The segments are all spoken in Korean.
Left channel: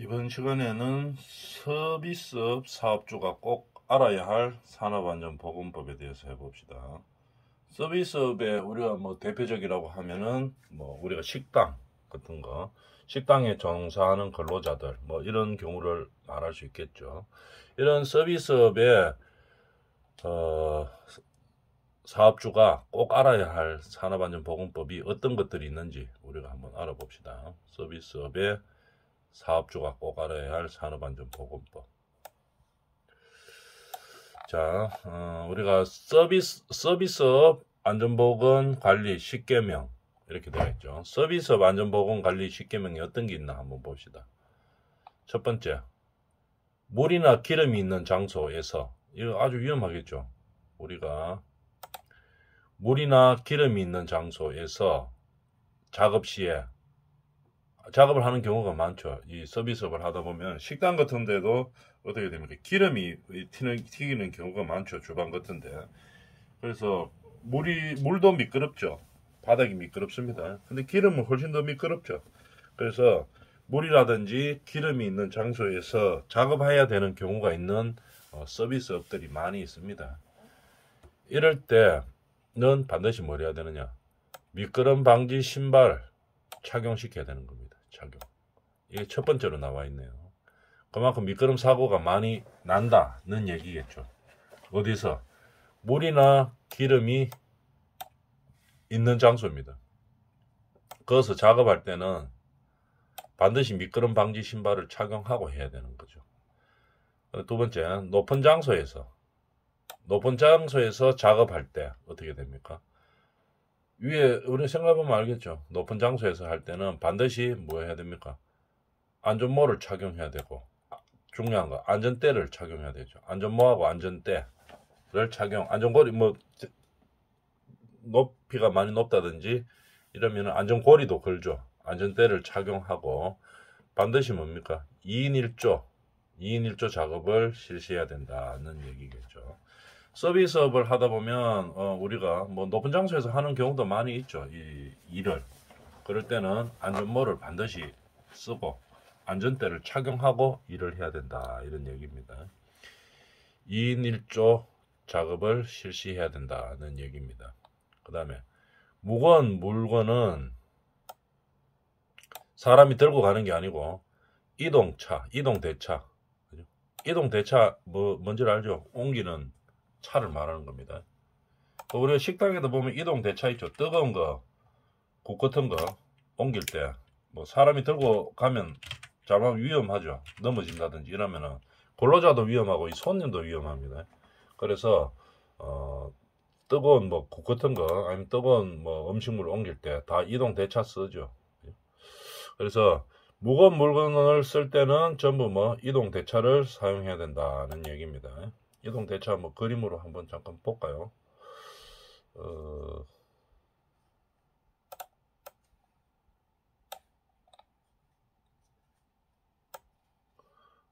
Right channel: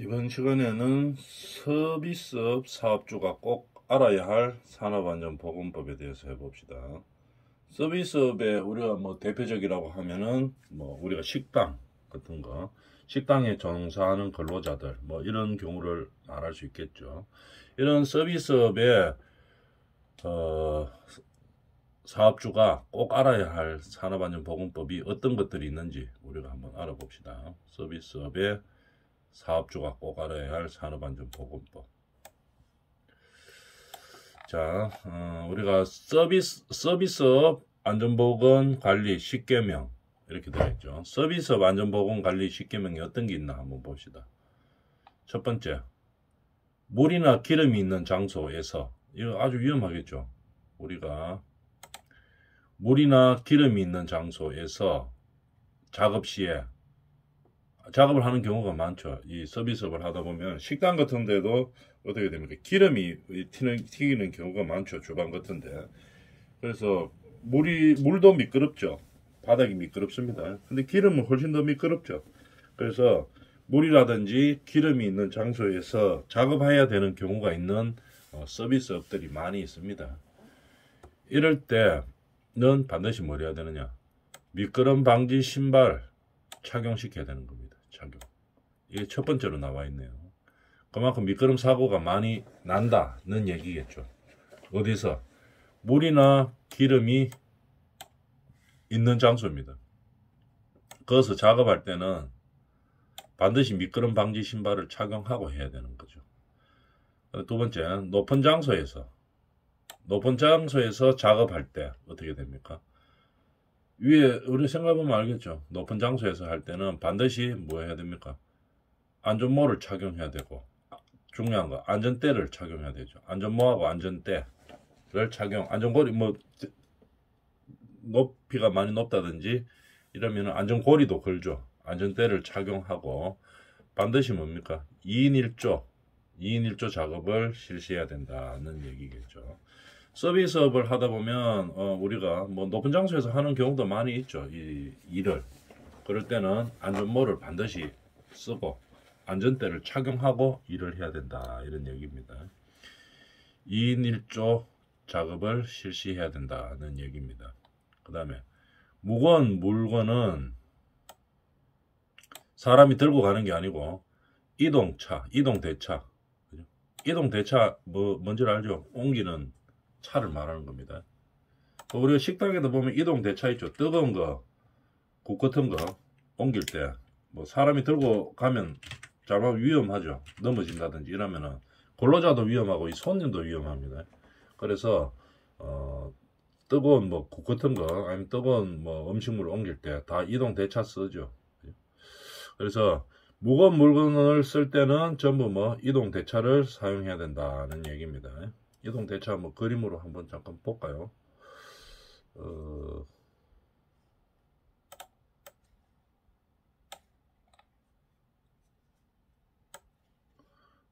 이번 시간에는 서비스업 사업주가 꼭 알아야 할 산업안전보건법에 대해서 해봅시다. 서비스업에 우리가 대표적이라고 하면은 우리가 식당 같은 거, 식당에 종사하는 근로자들 이런 경우를 말할 수 있겠죠. 이런 서비스업에 사업주가 꼭 알아야 할 산업안전보건법이 어떤 것들이 있는지 우리가 한번 알아봅시다. 서비스업에 사업주가 꼭 알아야 할 산업안전보건법. 자, 우리가 서비스업 안전보건 관리 10개명 이렇게 되어있죠. 서비스업 안전보건 관리 10개명이 어떤 게 있나 한번 봅시다. 첫 번째, 물이나 기름이 있는 장소에서, 이거 아주 위험하겠죠. 우리가 물이나 기름이 있는 장소에서 작업 시에 작업을 하는 경우가 많죠. 이 서비스업을 하다 보면 식당 같은 데도 어떻게 됩니까? 기름이 튀기는 경우가 많죠. 주방 같은데. 그래서 물도 미끄럽죠. 바닥이 미끄럽습니다. 근데 기름은 훨씬 더 미끄럽죠. 그래서 물이라든지 기름이 있는 장소에서 작업해야 되는 경우가 있는 서비스업들이 많이 있습니다. 이럴 때는 반드시 뭘 해야 되느냐? 미끄럼 방지 신발 착용시켜야 되는 겁니다. 착용. 이게 첫 번째로 나와 있네요. 그만큼 미끄럼 사고가 많이 난다는 얘기겠죠. 어디서? 물이나 기름이 있는 장소입니다. 거기서 작업할 때는 반드시 미끄럼 방지 신발을 착용하고 해야 되는 거죠. 두 번째, 높은 장소에서 작업할 때 어떻게 됩니까? 위에 우리 생각해보면 알겠죠. 높은 장소에서 할 때는 반드시 뭐 해야 됩니까? 안전모를 착용해야 되고, 중요한 거 안전대를 착용해야 되죠. 안전모하고 안전대를 안전고리 높이가 많이 높다든지 이러면 안전고리도 걸죠. 안전대를 착용하고 반드시 뭡니까? 2인 1조 작업을 실시해야 된다는 얘기겠죠. 서비스업을 하다 보면 우리가 높은 장소에서 하는 경우도 많이 있죠. 이 일을. 그럴 때는 안전모를 반드시 쓰고 안전대를 착용하고 일을 해야 된다. 이런 얘기입니다. 2인 1조 작업을 실시해야 된다는 얘기입니다. 그 다음에 무거운 물건은 사람이 들고 가는 게 아니고 이동대차. 이동대차 뭔지 알죠? 옮기는 차를 말하는 겁니다. 우리 식당에도 보면 이동대차 있죠. 뜨거운 거, 국 같은 거 옮길 때 사람이 들고 가면 잘못하면 위험하죠. 넘어진다든지 이러면은 근로자도 위험하고 이 손님도 위험합니다. 그래서 뜨거운 국 같은 거 아니면 뜨거운 음식물 옮길 때 다 이동대차 쓰죠. 그래서 무거운 물건을 쓸 때는 전부 이동대차를 사용해야 된다는 얘기입니다. 이동대차 그림으로 한번 잠깐 볼까요?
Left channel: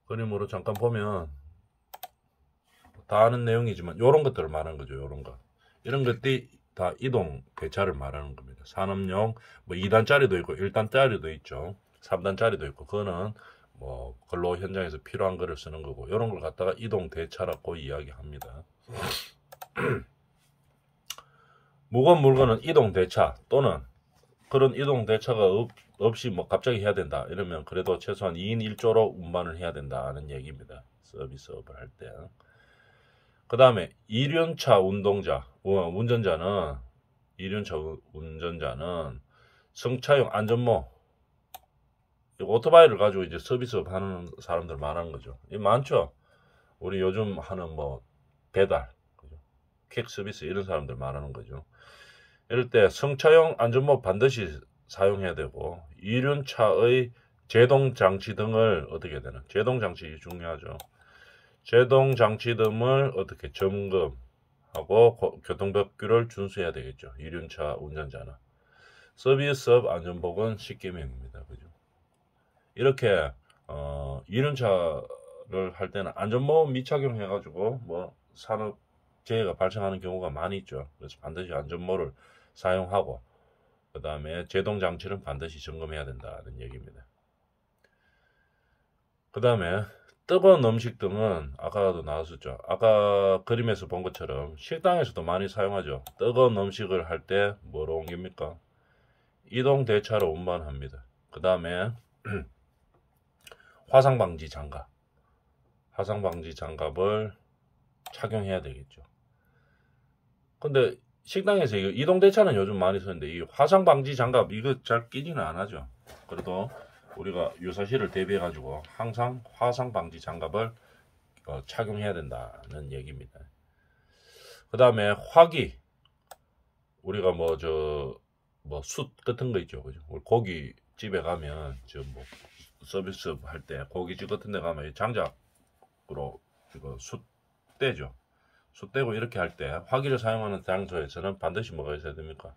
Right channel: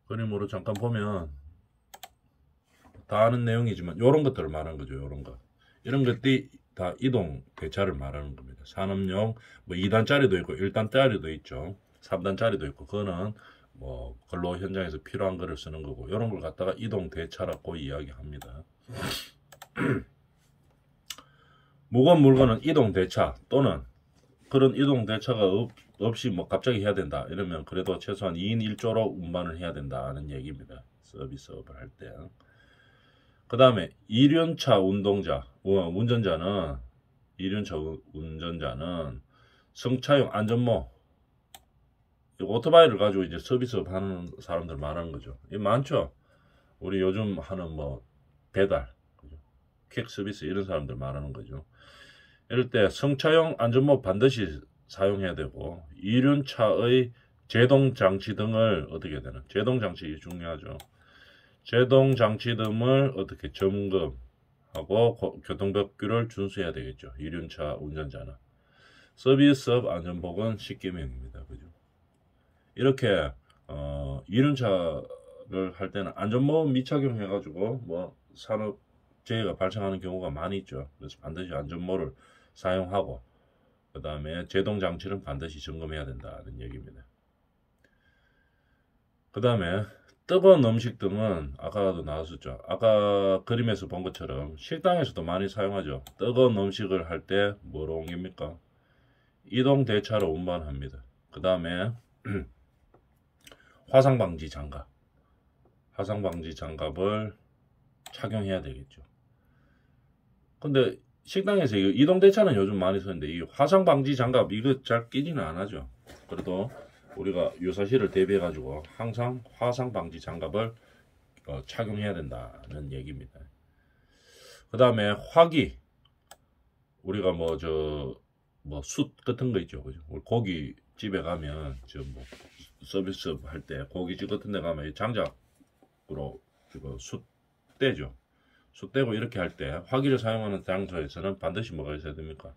그림으로 잠깐 보면 다 아는 내용이지만 요런 것들을 말하는 거죠. 요런 거. 이런 것들이 다 이동대차를 말하는 겁니다. 산업용 2단짜리도 있고 1단짜리도 있죠. 3단짜리도 있고 그거는 근로 현장에서 필요한 거를 쓰는 거고 이런 걸 갖다가 이동대차라고 이야기합니다. 무거운 물건은 이동대차 또는 그런 이동대차가 없이 갑자기 해야 된다 이러면 그래도 최소한 2인 1조로 운반을 해야 된다는 얘기입니다. 서비스업을 할 때. 그 다음에 이륜차 운전자는 승차용 안전모 오토바이를 가지고 이제 서비스업 하는 사람들 말하는 거죠. 이 많죠. 우리 요즘 하는 배달, 그죠? 퀵 서비스 이런 사람들 말하는 거죠. 이럴 때 승차용 안전모 반드시 사용해야 되고 이륜차의 제동장치 등을 어떻게 되는? 제동장치 중요하죠. 제동장치 등을 어떻게 점검하고 교통법규를 준수해야 되겠죠. 이륜차 운전자는. 서비스업 안전보건 10개명입니다. 그죠? 이렇게 이륜차를 할 때는 안전모 미착용해가지고 산업재해가 발생하는 경우가 많이 있죠. 그래서 반드시 안전모를 사용하고 그 다음에 제동장치는 반드시 점검해야 된다는 얘기입니다. 그 다음에 뜨거운 음식 등은 아까도 나왔었죠. 아까 그림에서 본 것처럼 식당에서도 많이 사용하죠. 뜨거운 음식을 할 때 뭐로 옮깁니까? 이동 대차로 운반합니다. 그 다음에 화상방지 장갑. 화상방지 장갑을 착용해야 되겠죠. 근데 식당에서 이동 대차는 요즘 많이 쓰는데 이 화상방지 장갑 이거 잘 끼지는 안 하죠. 그래도 우리가 유사시를 대비해 가지고 항상 화상방지 장갑을 착용해야 된다는 얘기입니다. 그 다음에 화기, 우리가 숯 같은 거 있죠, 그죠? 우리 고깃집에 가면 서비스 할 때 고깃집 같은 데 가면 장작으로 이거 숯 떼죠. 숯 떼고 이렇게 할 때 화기를 사용하는 장소에서는 반드시 뭐가 있어야 됩니까?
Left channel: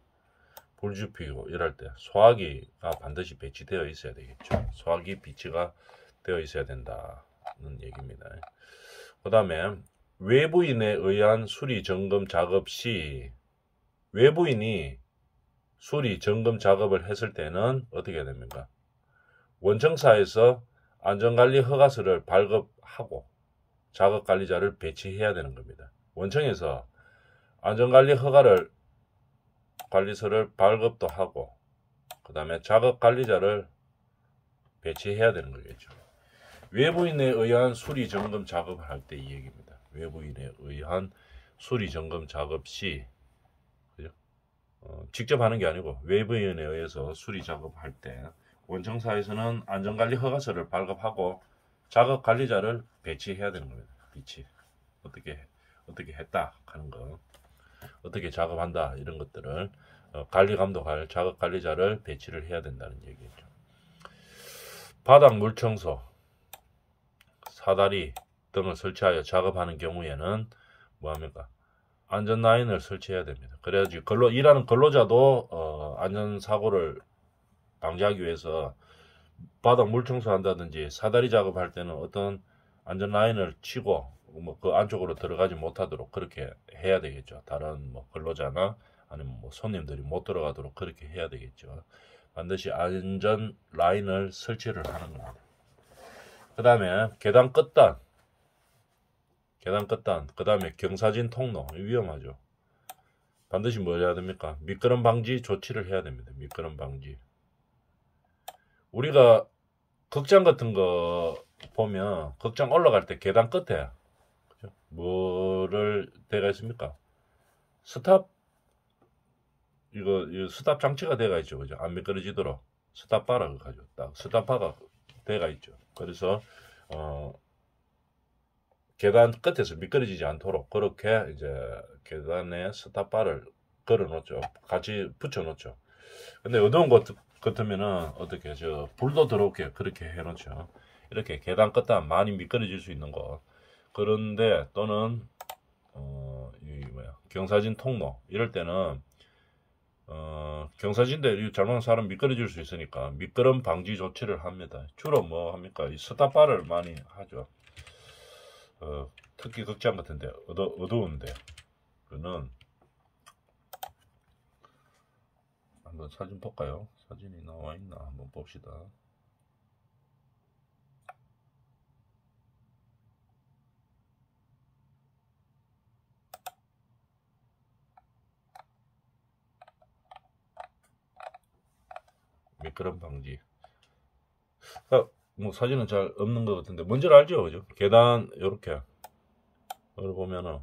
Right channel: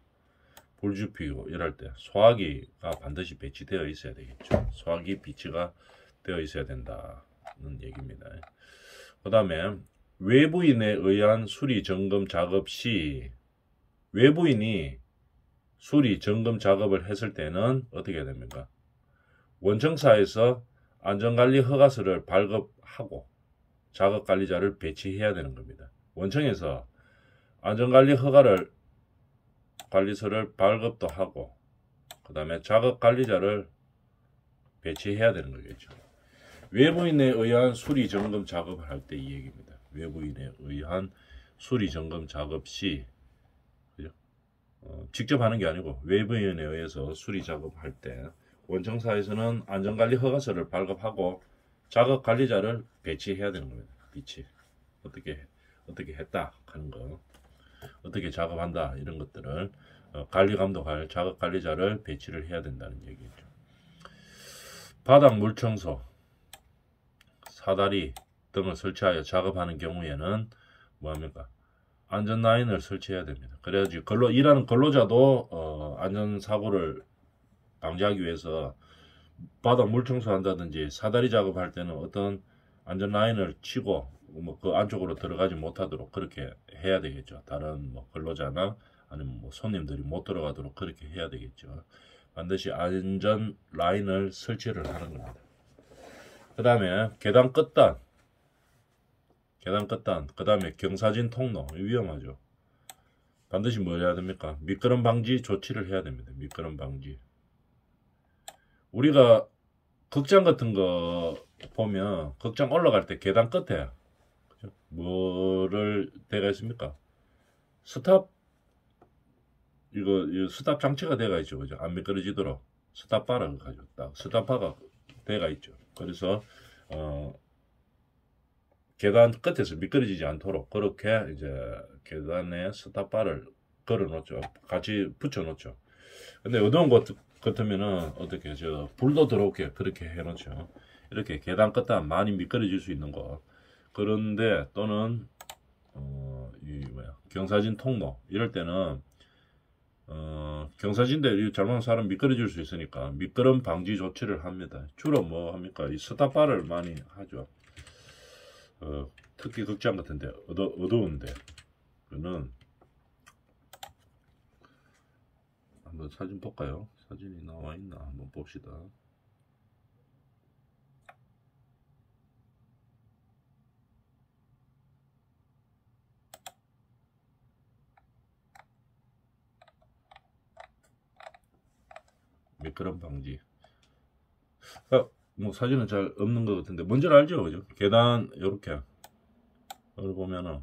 불 피우고 이럴 때 소화기가 반드시 배치되어 있어야 되겠죠. 소화기 비치가 되어 있어야 된다는 얘기입니다. 그 다음에 외부인에 의한 수리 점검 작업 시 외부인이 수리 점검 작업을 했을 때는 어떻게 해야 됩니까? 원청사에서 안전관리 허가서를 발급하고 작업관리자를 배치해야 되는 겁니다. 원청에서 안전관리 관리서를 발급도 하고 그 다음에 작업관리자를 배치해야 되는 거겠죠. 외부인에 의한 수리 점검 작업을 할 때 이 얘기입니다. 외부인에 의한 수리 점검 작업 시 직접 하는 게 아니고 외부인에 의해서 수리 작업할 때 원청사에서는 안전관리 허가서를 발급하고 작업관리자를 배치해야 되는 겁니다. 배치 어떻게 했다 하는 거, 어떻게 작업한다 이런 것들을 관리 감독할 작업관리자를 배치를 해야 된다는 얘기죠. 바닥 물 청소, 사다리 등을 설치하여 작업하는 경우에는 뭐합니까? 안전 라인을 설치해야 됩니다. 그래야지 일하는 근로자도 안전사고를 방지하기 위해서 바닥 물 청소한다든지 사다리 작업할 때는 어떤 안전 라인을 치고 그 안쪽으로 들어가지 못하도록 그렇게 해야 되겠죠. 다른 근로자나 아니면 손님들이 못 들어가도록 그렇게 해야 되겠죠. 반드시 안전 라인을 설치를 하는 겁니다. 그 다음에 계단 끝단, 그 다음에 경사진 통로, 위험하죠. 반드시 뭘 해야 됩니까? 미끄럼 방지 조치를 해야 됩니다. 미끄럼 방지. 우리가 극장 같은 거 보면 극장 올라갈 때 계단 끝에 뭐를 대가 있습니까? 스탑 스탑 장치가 대가 있죠, 그죠? 안 미끄러지도록 스탑바가 가지고 딱 스탑바가 대가 있죠. 그래서 계단 끝에서 미끄러지지 않도록 그렇게 이제 계단에 스탑바를 걸어 놓죠. 같이 붙여 놓죠. 근데 어두운 것 같으면은 어떻게 불도 들어오게 그렇게 해 놓죠. 이렇게 계단 끝단 많이 미끄러질 수 있는 곳. 그런데 또는 경사진 통로 이럴 때는 경사진데 잘못한 사람 미끄러질 수 있으니까 미끄럼 방지 조치를 합니다. 주로 뭐 합니까? 이 스탑바를 많이 하죠. 특히 극장 같은데 어두운데 그는 한번 사진 볼까요? 사진이 나와 있나 한번 봅시다. 미끄럼 방지. 뭐 사진은 잘 없는 것 같은데 뭔지를 알죠, 그죠? 계단 요렇게 이걸 보면은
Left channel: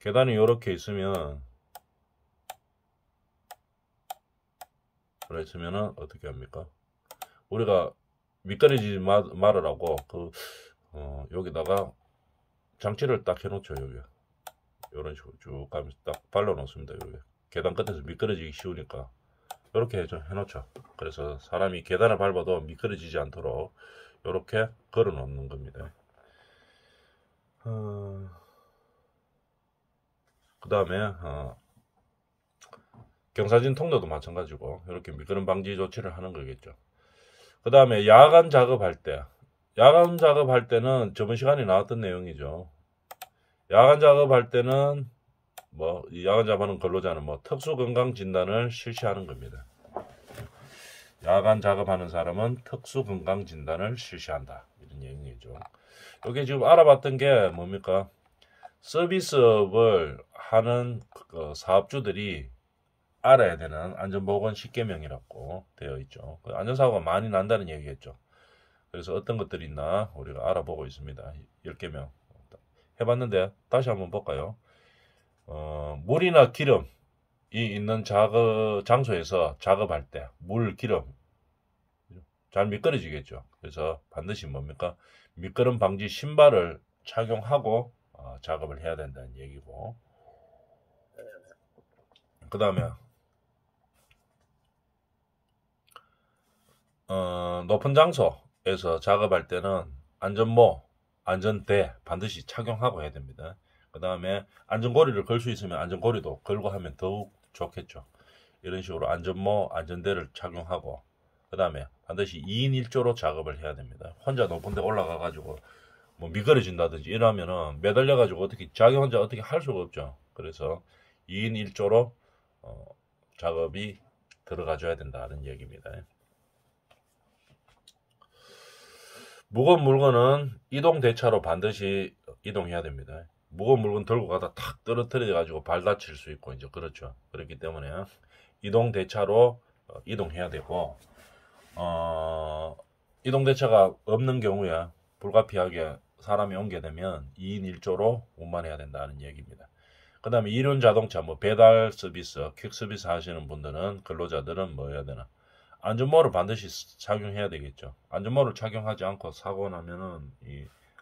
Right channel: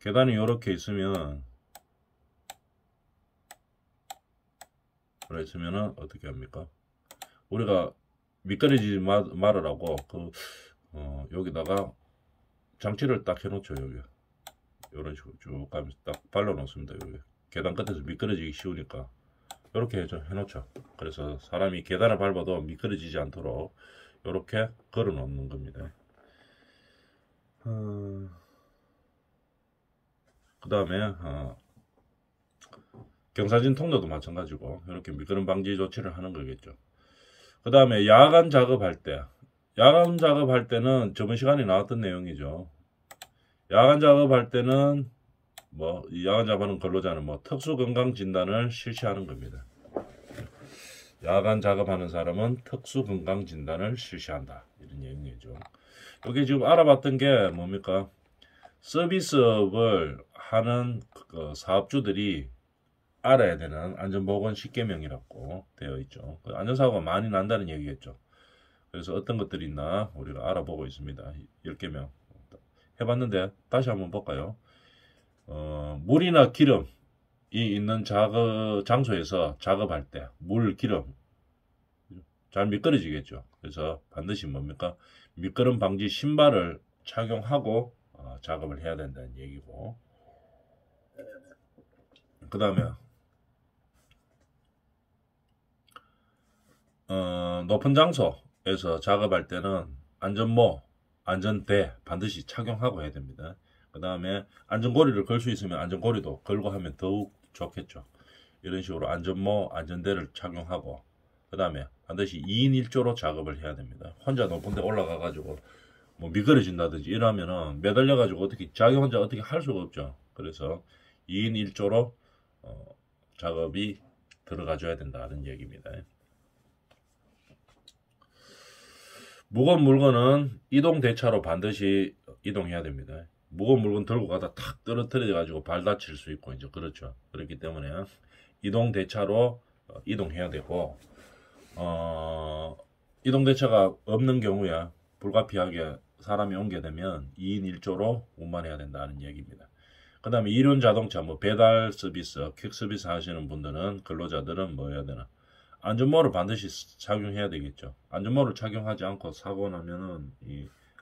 계단이 요렇게 있으면 그랬으면은 어떻게 합니까? 우리가 미끄러지지 말으라고 여기다가 장치를 딱 해놓죠. 여기 이런 식으로 쭉 가면서 딱 발라 놓습니다. 여기 계단 끝에서 미끄러지기 쉬우니까 이렇게 해놓죠. 그래서 사람이 계단을 밟아도 미끄러지지 않도록 이렇게 걸어 놓는 겁니다. 그 다음에 경사진 통로도 마찬가지고 이렇게 미끄럼 방지 조치를 하는 거겠죠. 그 다음에 야간 작업할 때는 저번 시간에 나왔던 내용이죠. 야간 작업할 때는 야간 작업하는 근로자는 특수 건강 진단을 실시하는 겁니다. 야간 작업하는 사람은 특수 건강 진단을 실시한다. 이게 지금 알아봤던 게 뭡니까? 서비스업을 하는 그 사업주들이 알아야 되는 안전보건 10개명이라고 되어 있죠. 안전사고가 많이 난다는 얘기겠죠. 그래서 어떤 것들이 있나 우리가 알아보고 있습니다. 10개명 해봤는데 다시 한번 볼까요? 물이나 기름이 있는 장소에서 작업할 때 물, 기름 잘 미끄러지겠죠. 그래서 반드시 뭡니까? 미끄럼 방지 신발을 착용하고 작업을 해야 된다는 얘기고, 그 다음에 높은 장소에서 작업할 때는 안전모, 안전대 반드시 착용하고 해야 됩니다. 그 다음에 안전고리를 걸 수 있으면 안전고리도 걸고 하면 더욱 좋겠죠. 이런 식으로 안전모, 안전대를 착용하고, 그 다음에 반드시 2인 1조로 작업을 해야 됩니다. 혼자 높은 데 올라가 가지고 뭐 미끄러진다든지 이러면은 매달려 가지고 어떻게 자기 혼자 어떻게 할 수가 없죠. 그래서 2인 1조로 작업이 들어가 줘야 된다는 얘기입니다. 무거운 물건은 이동 대차로 반드시 이동해야 됩니다. 무거운 물건 들고 가다 탁 떨어뜨려 가지고 발 다칠 수 있고 이제 그렇죠. 그렇기 때문에 이동 대차로 이동해야 되고, 이동 대차가 없는 경우에 불가피하게 사람이 오게 되면 2인 1조로 운반해야 된다는 얘기입니다. 그 다음에 이륜 자동차, 뭐 배달 서비스, 퀵 서비스 하시는 분들은, 근로자들은 뭐 해야 되나? 안전모를 반드시 착용해야 되겠죠. 안전모를 착용하지 않고 사고 나면은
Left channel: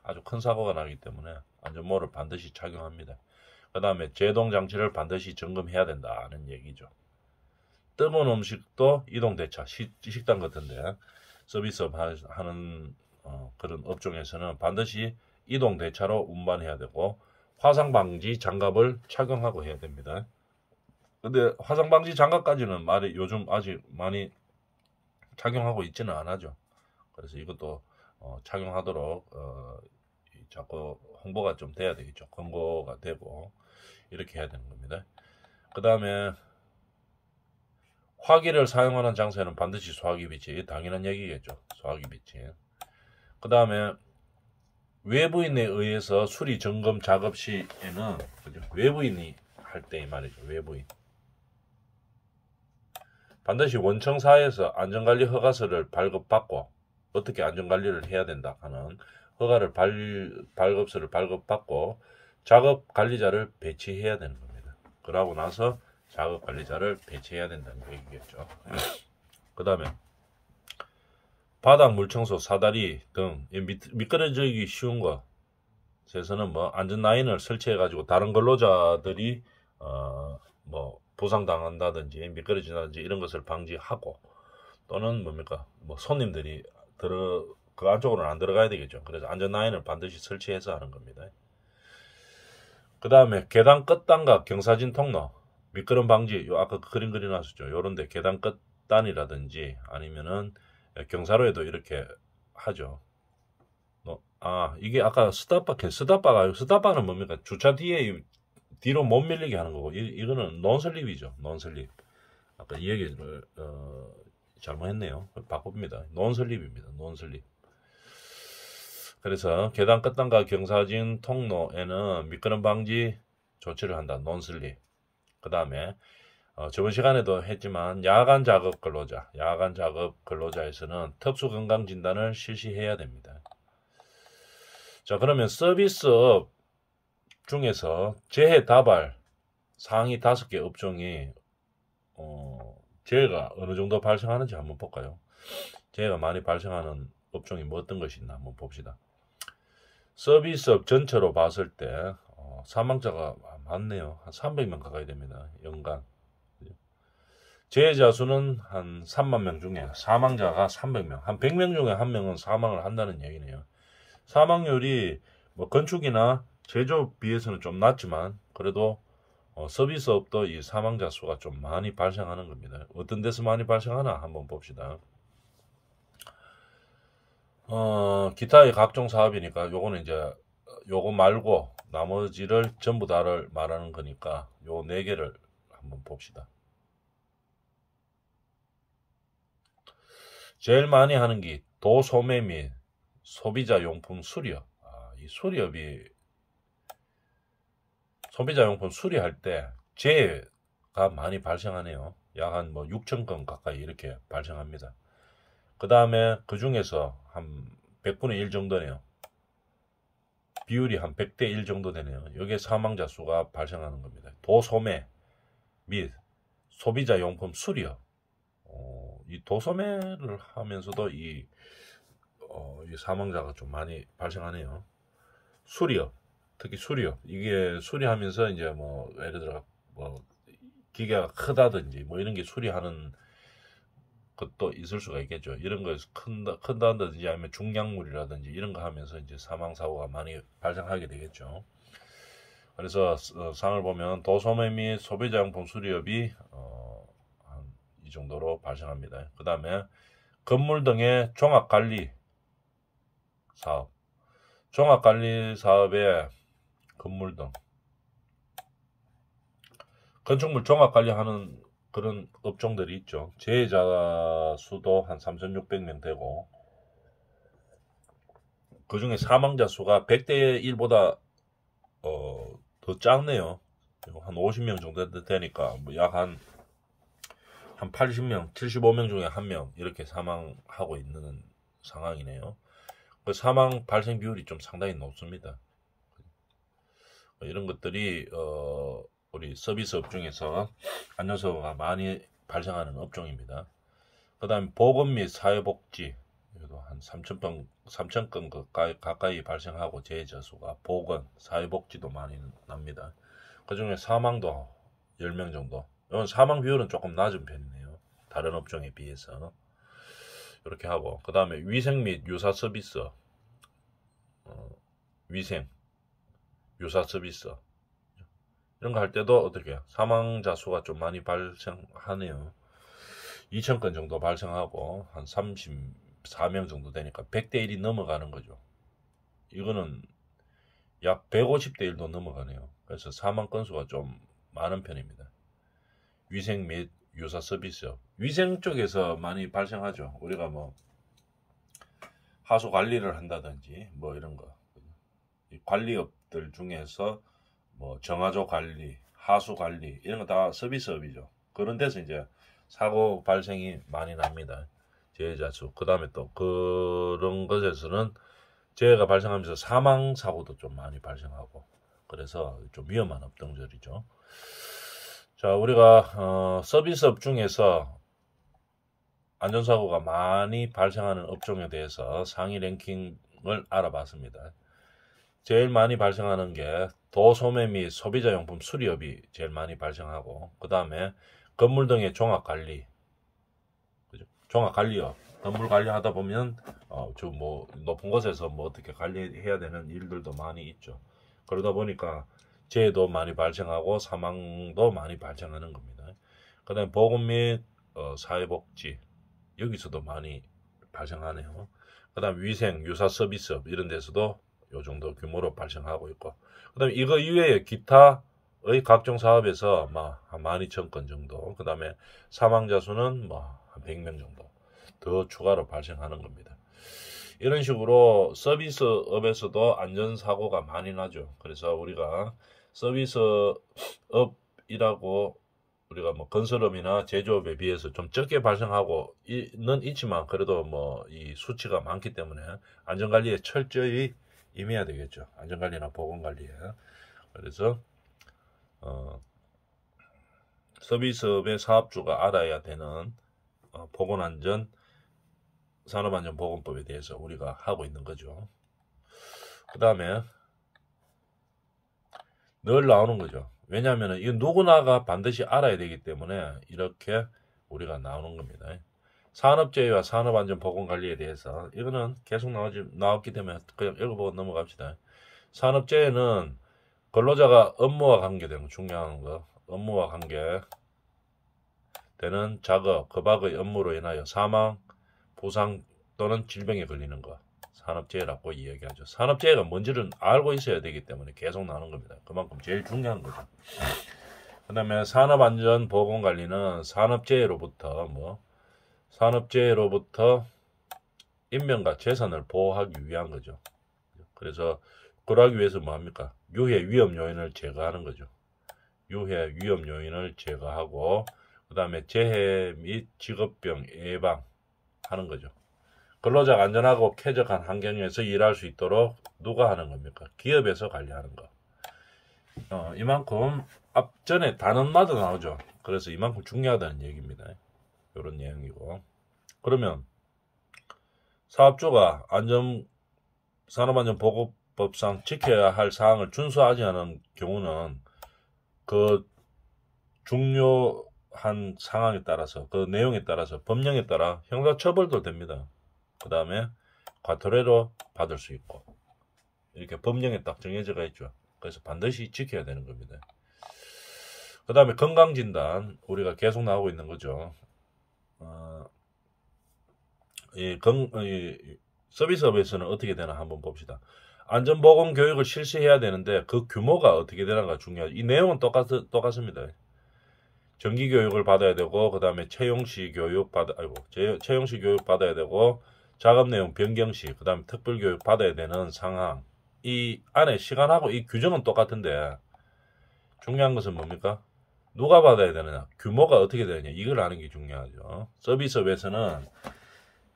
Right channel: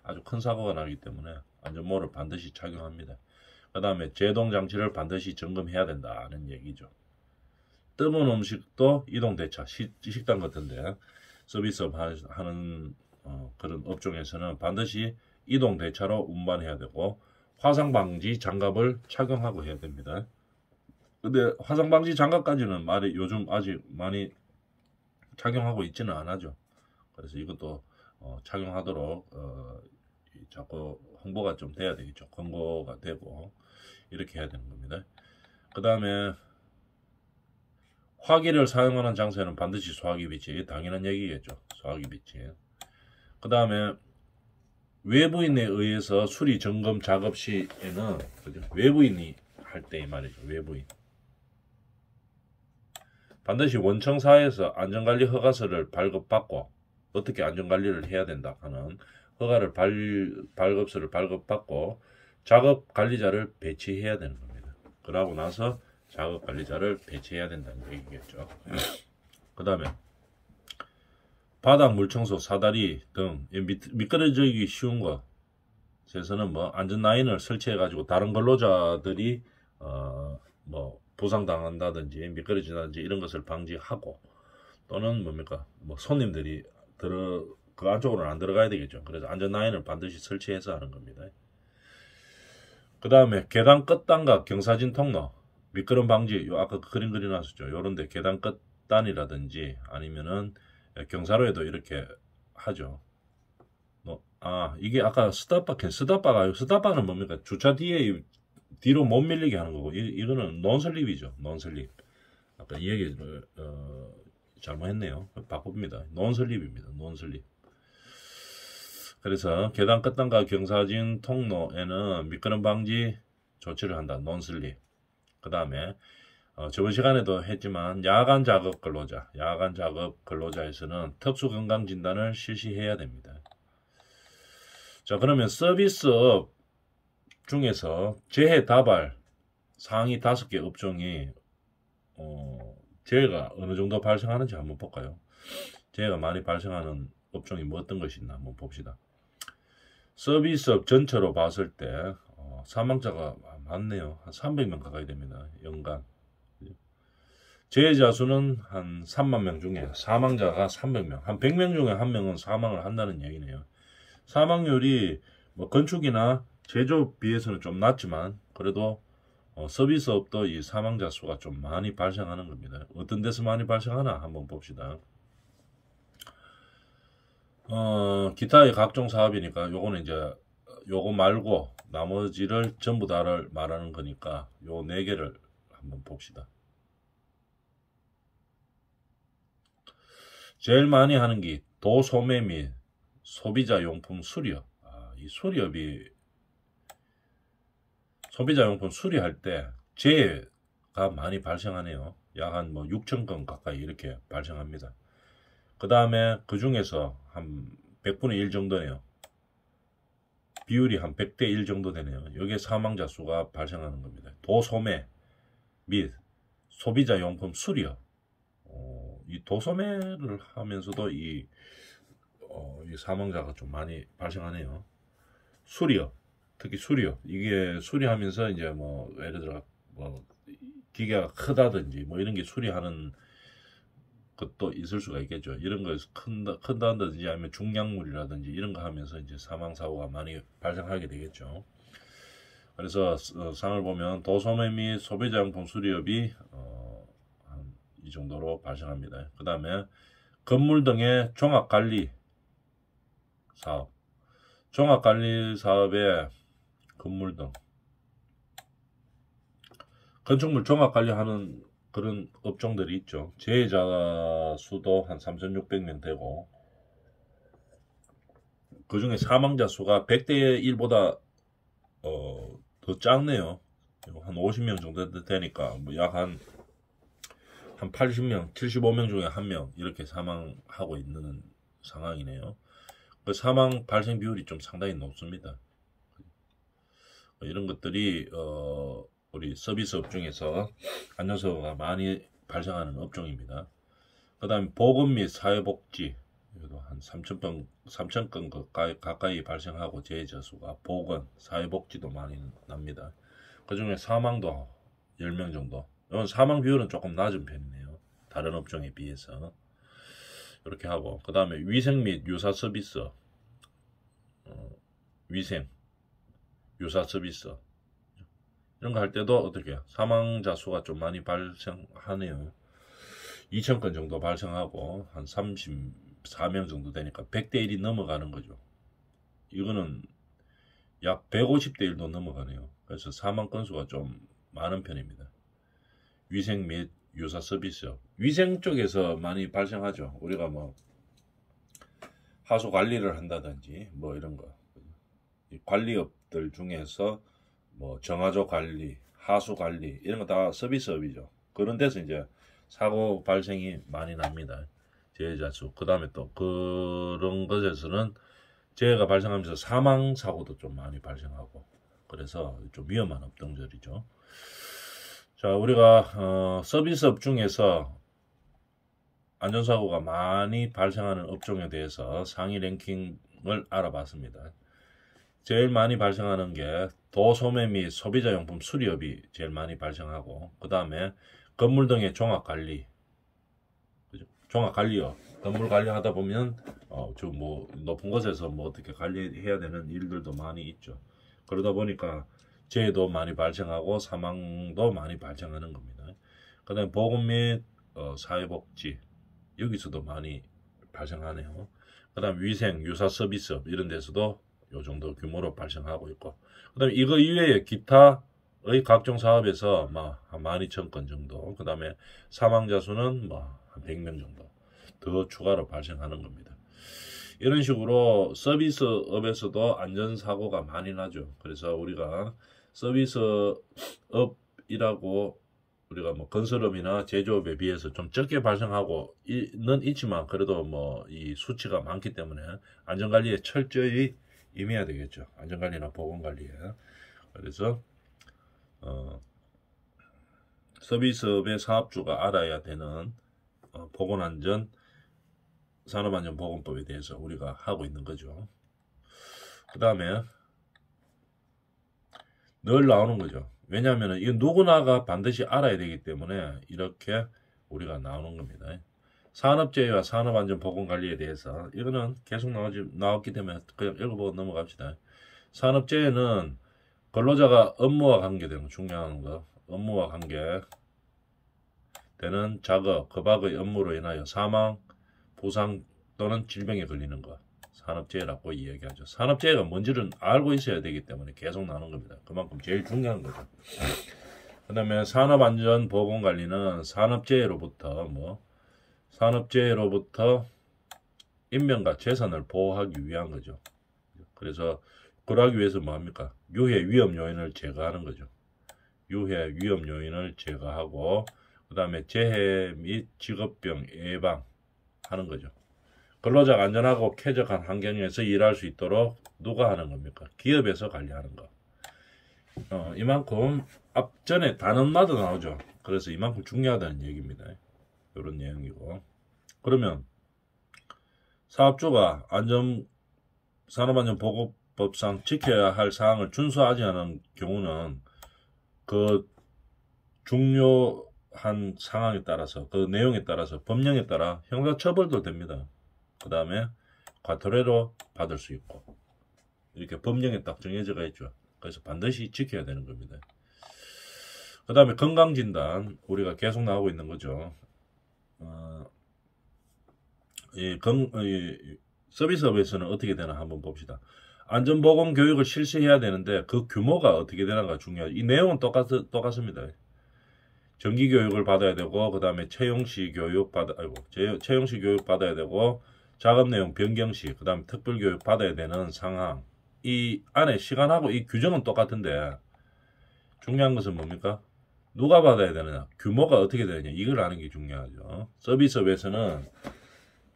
아주 큰 사고가 나기 때문에 안전모를 반드시 착용합니다. 그 다음에 제동 장치를 반드시 점검해야 된다는 얘기죠. 뜨거운 음식도 이동 대차, 식당 같은데 서비스업 하는 그런 업종에서는 반드시 이동 대차로 운반해야 되고, 화상 방지 장갑을 착용하고 해야 됩니다. 근데 화상 방지 장갑까지는 말이 요즘 아직 많이 착용하고 있지는 않아죠. 그래서 이것도 착용하도록 자꾸 홍보가 좀 돼야 되겠죠. 광고가 되고 이렇게 해야 되는 겁니다. 그 다음에 화기를 사용하는 장소에는 반드시 소화기 비치, 당연한 얘기겠죠. 소화기 비치. 그 다음에 외부인에 의해서 수리 점검 작업 시에는, 그죠? 외부인이 할 때 이 말이죠. 외부인 반드시 원청사에서 안전관리 허가서를 발급받고, 어떻게 안전관리를 해야 된다 하는 허가를 발급서를 발급받고 작업관리자를 배치해야 되는 겁니다. 그러고 나서 작업관리자를 배치해야 된다는 얘기겠죠. 그 다음에 바닥 물청소, 사다리 등 미끄러지기 쉬운 것에서는 뭐 안전 라인을 설치해 가지고 다른 근로자들이 뭐 부상당한다든지 미끄러진다든지 이런 것을 방지하고, 또는 뭡니까 뭐 손님들이 그 안쪽으로는 안 들어가야 되겠죠. 그래서 안전 라인을 반드시 설치해서 하는 겁니다. 그 다음에 계단 끝단과 경사진 통로, 미끄럼 방지, 아까 그림 그려놨었죠. 요런데 계단 끝단이라든지 아니면은 경사로에도 이렇게 하죠. 이게 아까 스탑바는 뭡니까? 주차 뒤로 못 밀리게 하는 거고, 이거는 논슬립이죠. 논슬립. 아까 이 얘기를 잘못했네요. 바꿉니다. 논슬립입니다. 논슬립. 그래서 계단 끝단과 경사진 통로에는 미끄럼 방지 조치를 한다. 논슬립. 그 다음에 저번 시간에도 했지만 야간 작업 근로자에서는 특수 건강 진단을 실시해야 됩니다. 자, 그러면 서비스업 중에서 재해 다발 상위 5개 업종이 재해가 어느 정도 발생하는지 한번 볼까요? 재해가 많이 발생하는 업종이 뭐 어떤 것이 있나 한번 봅시다. 서비스업 전체로 봤을 때 사망자가 많네요. 한 300명 가까이 됩니다. 연간. 재해자 수는 한 3만 명 중에 사망자가 300명, 한 100명 중에 한 명은 사망을 한다는 얘기네요. 사망률이 뭐 건축이나 제조업 비해서는 좀 낮지만 그래도 서비스업도 이 사망자 수가 좀 많이 발생하는 겁니다. 어떤 데서 많이 발생하나 한번 봅시다. 기타의 각종 사업이니까 요거는 이제 요거 말고 나머지를 전부 다를 말하는 거니까 요 4개를 한번 봅시다. 제일 많이 하는 게 도소매 및 소비자 용품 수리업. 이 수리업이 소비자용품 수리할 때 재해가 많이 발생하네요. 약 한 뭐 6천 건 가까이 이렇게 발생합니다. 그 다음에 그 중에서 한 100분의 1 정도네요. 비율이 한 100대 1 정도 되네요. 여기에 사망자 수가 발생하는 겁니다. 도소매 및 소비자용품 수리업. 이 도소매를 하면서도 이 사망자가 좀 많이 발생하네요. 수리업, 특히 수리업. 이게 수리하면서 이제 뭐 예를 들어 뭐 기계가 크다든지 뭐 이런 게 수리하는 것도 있을 수가 있겠죠. 이런 거에서 큰다든지 아니면 중량물이라든지 이런 거 하면서 이제 사망 사고가 많이 발생하게 되겠죠. 그래서 상을 보면 도소매 및 소비자용품 수리업이 한 이 정도로 발생합니다. 그 다음에 건물 등의 종합관리 사업, 종합관리 사업에 건물 등 건축물 종합관리하는 그런 업종들이 있죠. 재해자 수도 한 3,600명 되고 그 중에 사망자 수가 100대 1보다 더 작네요. 한 50명 정도 되니까 뭐 약 한 80명, 75명 중에 1명 이렇게 사망하고 있는 상황이네요. 그 사망 발생 비율이 좀 상당히 높습니다. 이런 것들이 우리 서비스업 중에서 안전사고가 많이 발생하는 업종입니다. 그 다음에 보건 및 사회복지 한 3,000건 가까이 발생하고 재해자 수가 보건, 사회복지도 많이 납니다. 그 중에 사망도 10명 정도. 이건 사망 비율은 조금 낮은 편이네요. 다른 업종에 비해서. 이렇게 하고 그 다음에 위생 및 유사 서비스, 위생, 유사 서비스 이런 거 할 때도 어떻게 사망자 수가 좀 많이 발생하네요. 2,000건 정도 발생하고 한 34명 정도 되니까 100대 1이 넘어가는 거죠. 이거는 약 150대 1도 넘어가네요. 그래서 사망 건수가 좀 많은 편입니다. 위생 및 유사 서비스, 위생 쪽에서 많이 발생하죠. 우리가 뭐 하수 관리를 한다든지 뭐 이런 거, 관리업들 중에서 뭐 정화조 관리, 하수 관리 이런 거 다 서비스업이죠. 그런 데서 이제 사고 발생이 많이 납니다. 재해자 수. 그 다음에 또 그런 것에서는 재해가 발생하면서 사망 사고도 좀 많이 발생하고 그래서 좀 위험한 업종들이죠. 자, 우리가 서비스업 중에서 안전사고가 많이 발생하는 업종에 대해서 상위 랭킹을 알아봤습니다. 제일 많이 발생하는 게 도소매 및 소비자용품 수리업이 제일 많이 발생하고 그 다음에 건물 등의 종합관리, 종합관리업, 건물 관리하다 보면 좀 뭐 높은 곳에서 뭐 어떻게 관리해야 되는 일들도 많이 있죠. 그러다 보니까 재해도 많이 발생하고 사망도 많이 발생하는 겁니다. 그 다음에 보건 및 사회복지 여기서도 많이 발생하네요. 그 다음에 위생, 유사 서비스업 이런 데서도 요 정도 규모로 발생하고 있고 그 다음에 이거 이외에 기타의 각종 사업에서 한 12,000건 정도 그 다음에 사망자 수는 한 100명 정도 더 추가로 발생하는 겁니다. 이런 식으로 서비스업에서도 안전사고가 많이 나죠. 그래서 우리가 서비스업이라고 우리가 뭐 건설업이나 제조업에 비해서 좀 적게 발생하고는 있지만 그래도 뭐 이 수치가 많기 때문에 안전관리에 철저히 임해야 되겠죠. 안전관리나 보건관리에. 그래서 서비스업의 사업주가 알아야 되는 보건안전, 산업안전보건법에 대해서 우리가 하고 있는 거죠. 그 다음에 늘 나오는 거죠. 왜냐하면 이거 누구나가 반드시 알아야 되기 때문에 이렇게 우리가 나오는 겁니다. 산업재해와 산업안전보건관리에 대해서 이거는 계속 나왔기 때문에 그냥 읽어보고 넘어갑시다. 산업재해는 근로자가 업무와 관계되는 중요한 거, 업무와 관계되는 작업, 급박의 업무로 인하여 사망, 부상 또는 질병에 걸리는 것, 산업재해라고 이야기하죠. 산업재해가 뭔지를 알고 있어야 되기 때문에 계속 나오는 겁니다. 그만큼 제일 중요한 거죠. 그 다음에 산업안전보건관리는 산업재해로부터 인명과 재산을 보호하기 위한 거죠. 그래서 그러기 위해서 뭐합니까? 유해 위험 요인을 제거하는 거죠. 유해 위험 요인을 제거하고 그 다음에 재해 및 직업병 예방하는 거죠. 근로자가 안전하고 쾌적한 환경에서 일할 수 있도록 누가 하는 겁니까? 기업에서 관리하는 거. 이만큼 앞전에 단언마다 나오죠. 그래서 이만큼 중요하다는 얘기입니다. 이런 내용이고. 그러면 사업주가 산업안전보건법상 지켜야 할 사항을 준수하지 않은 경우는 그 중요한 상황에 따라서 그 내용에 따라서 법령에 따라 형사처벌도 됩니다. 그 다음에 과태료로 받을 수 있고 이렇게 법령에 딱 정해져가 있죠. 그래서 반드시 지켜야 되는 겁니다. 그 다음에 건강진단 우리가 계속 나오고 있는 거죠. 서비스업에서는 어떻게 되나 한번 봅시다. 안전보건 교육을 실시해야 되는데 그 규모가 어떻게 되나가 중요하죠. 이 내용은 똑같습니다. 정기 교육을 받아야 되고 그 다음에 채용시 교육 받아야 되고 작업 내용 변경 시 그 다음에 특별 교육 받아야 되는 상황 이 안에 시간하고 이 규정은 똑같은데 중요한 것은 뭡니까? 누가 받아야 되느냐 규모가 어떻게 되느냐 이걸 아는 게 중요하죠. 서비스업에서는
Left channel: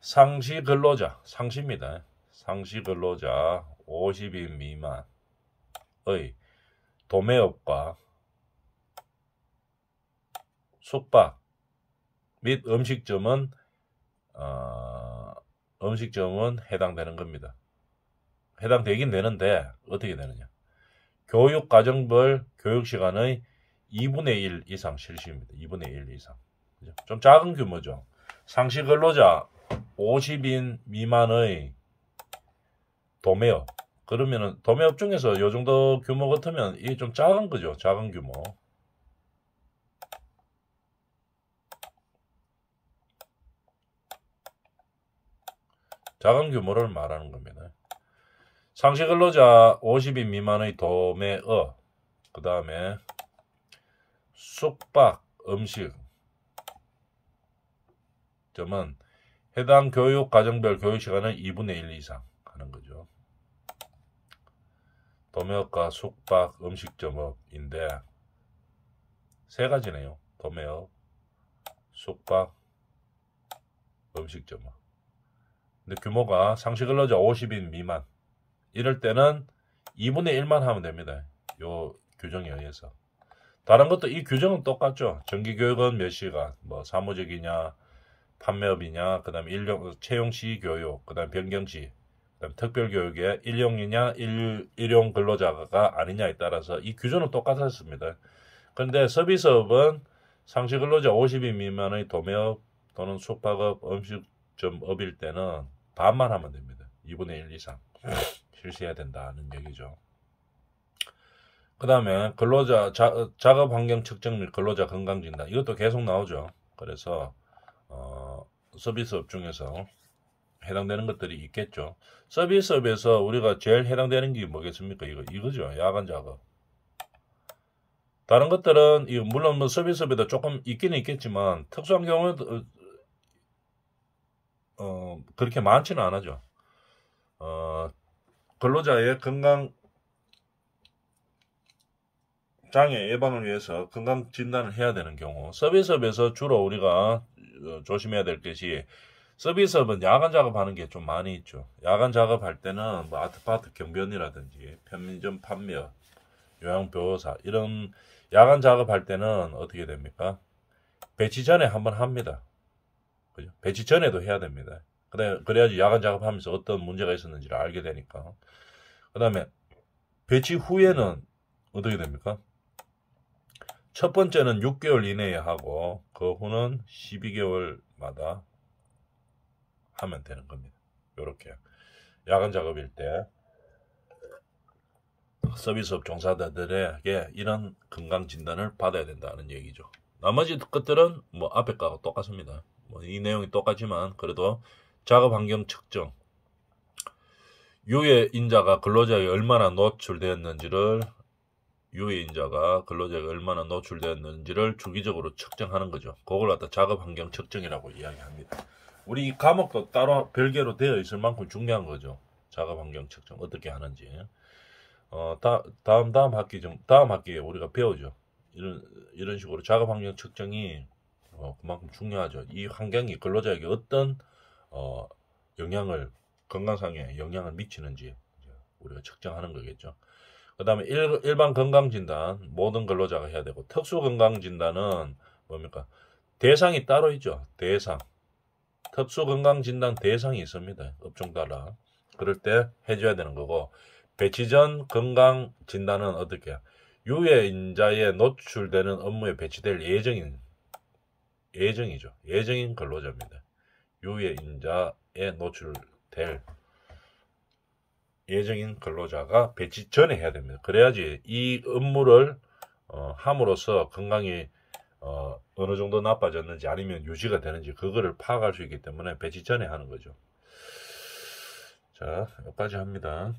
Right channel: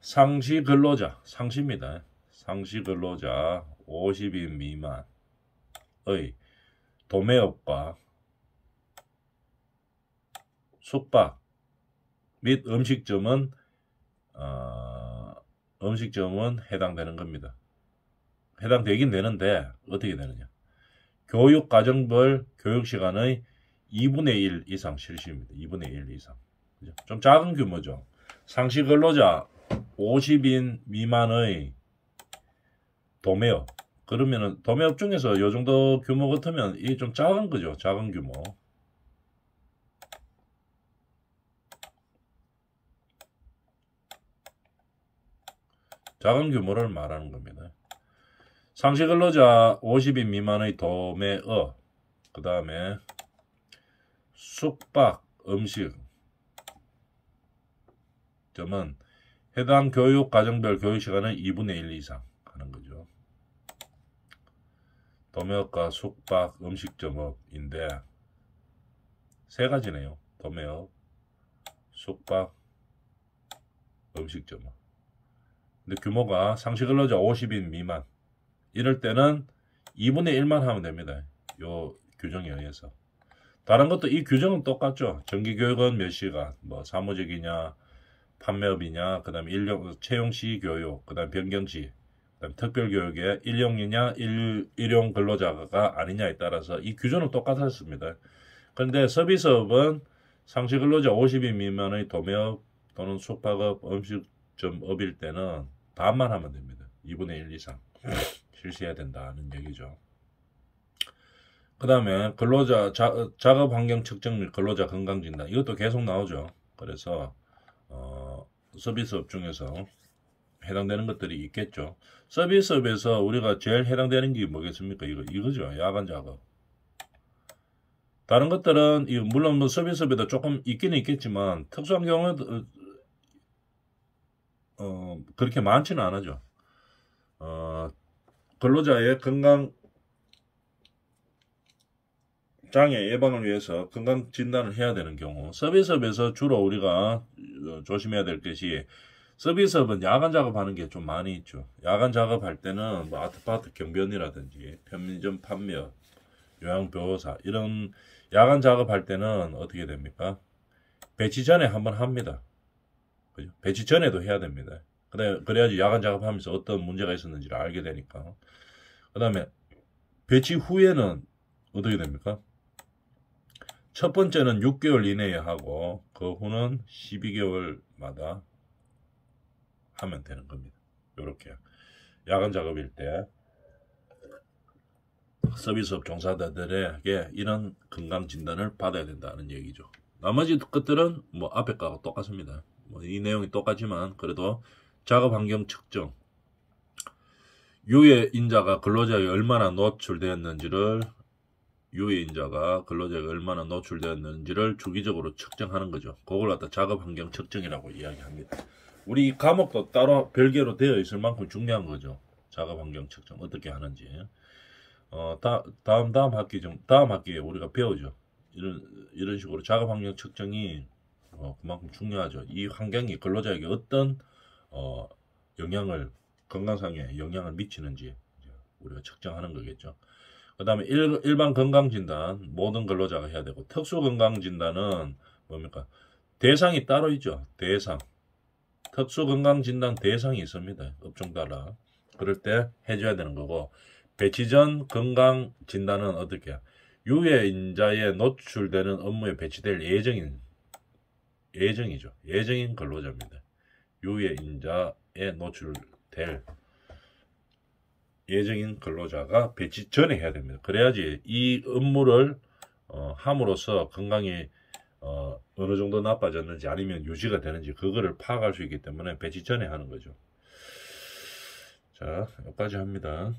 상시 근로자 상시입니다. 상시 근로자 50인 미만의 도매업과 숙박 및 음식점은 해당되는 겁니다. 해당되긴 되는데 어떻게 되느냐. 교육과정별 교육시간의 2분의 1 이상 실시입니다. 2분의 1 이상. 좀 작은 규모죠. 상시 근로자 50인 미만의 도매업. 그러면은 도매업 중에서 이 정도 규모 같으면 이게 좀 작은 거죠. 작은 규모. 작은 규모를 말하는 겁니다. 상시 근로자 50인 미만의 도매업, 그 다음에 숙박, 음식 점은 해당 교육 과정별 교육 시간의 2분의 1 이상 하는 거죠. 도매업과 숙박, 음식점업인데 세 가지네요. 도매업, 숙박, 음식점업. 근데 규모가 상시 근로자 50인 미만 이럴 때는 2분의 1만 하면 됩니다. 요 규정에 의해서. 다른 것도 이 규정은 똑같죠. 정기교육은 몇 시간, 뭐 사무직이냐, 판매업이냐, 그 다음에 채용시 교육, 그 다음에 변경시, 그 다음에 특별교육에 일용이냐, 일용 근로자가 아니냐에 따라서 이 규정은 똑같았습니다. 그런데 서비스업은 상시 근로자 50인 미만의 도매업 또는 숙박업, 음식점업일 때는 반만 하면 됩니다. 2분의 1 이상 실시해야 된다는 얘기죠. 그 다음에 근로자 작업 환경 측정 및 근로자 건강 진단 이것도 계속 나오죠. 그래서 서비스업 중에서 해당되는 것들이 있겠죠. 서비스업에서 우리가 제일 해당되는 게 뭐겠습니까? 이거죠. 야간 작업. 다른 것들은 물론 뭐 서비스업에도 조금 있기는 있겠지만 특수한 경우에도 그렇게 많지는 않아죠. 근로자의 건강 장애 예방을 위해서 건강 진단을 해야 되는 경우 서비스업에서 주로 우리가 조심해야 될 것이 서비스업은 야간 작업하는 게 좀 많이 있죠. 야간 작업할 때는 뭐 아트파트 경비원이라든지 편의점 판매업, 요양보호사 이런 야간 작업할 때는 어떻게 됩니까? 배치 전에 한번 합니다. 그죠? 배치 전에도 해야 됩니다. 그래야지 야간 작업하면서 어떤 문제가 있었는지를 알게 되니까. 그 다음에 배치 후에는 어떻게 됩니까? 첫 번째는 6개월 이내에 하고 그 후는 12개월마다 하면 되는 겁니다. 이렇게 야간 작업일 때 서비스업 종사자들에게 이런 건강 진단을 받아야 된다는 얘기죠. 나머지 것들은 뭐 앞에 거하고 똑같습니다. 뭐 이 내용이 똑같지만 그래도 작업 환경 측정, 유해 인자가 근로자에게 얼마나 노출되었는지를 주기적으로 측정하는 거죠. 그걸 갖다 작업 환경 측정이라고 이야기합니다. 우리 이 과목도 따로 별개로 되어 있을 만큼 중요한 거죠. 작업 환경 측정 어떻게 하는지. 다음 학기에 우리가 배우죠. 이런 식으로 작업 환경 측정이 그만큼 중요하죠. 이 환경이 근로자에게 어떤 영향을 건강상에 영향을 미치는지 우리가 측정하는 거겠죠. 그 다음에 일반 건강진단 모든 근로자가 해야 되고, 특수 건강진단은 뭡니까? 대상이 따로 있죠. 대상. 특수 건강진단 대상이 있습니다. 업종 따라. 그럴 때 해줘야 되는 거고, 배치 전 건강진단은 어떻게? 유해인자에 노출되는 업무에 배치될 예정이죠. 예정인 근로자입니다. 유해인자에 노출될 예정인 근로자가 배치 전에 해야 됩니다. 그래야지 이 업무를 함으로써 건강이 어느 정도 나빠졌는지 아니면 유지가 되는지 그거를 파악할 수 있기 때문에 배치 전에 하는 거죠. 자, 여기까지 합니다.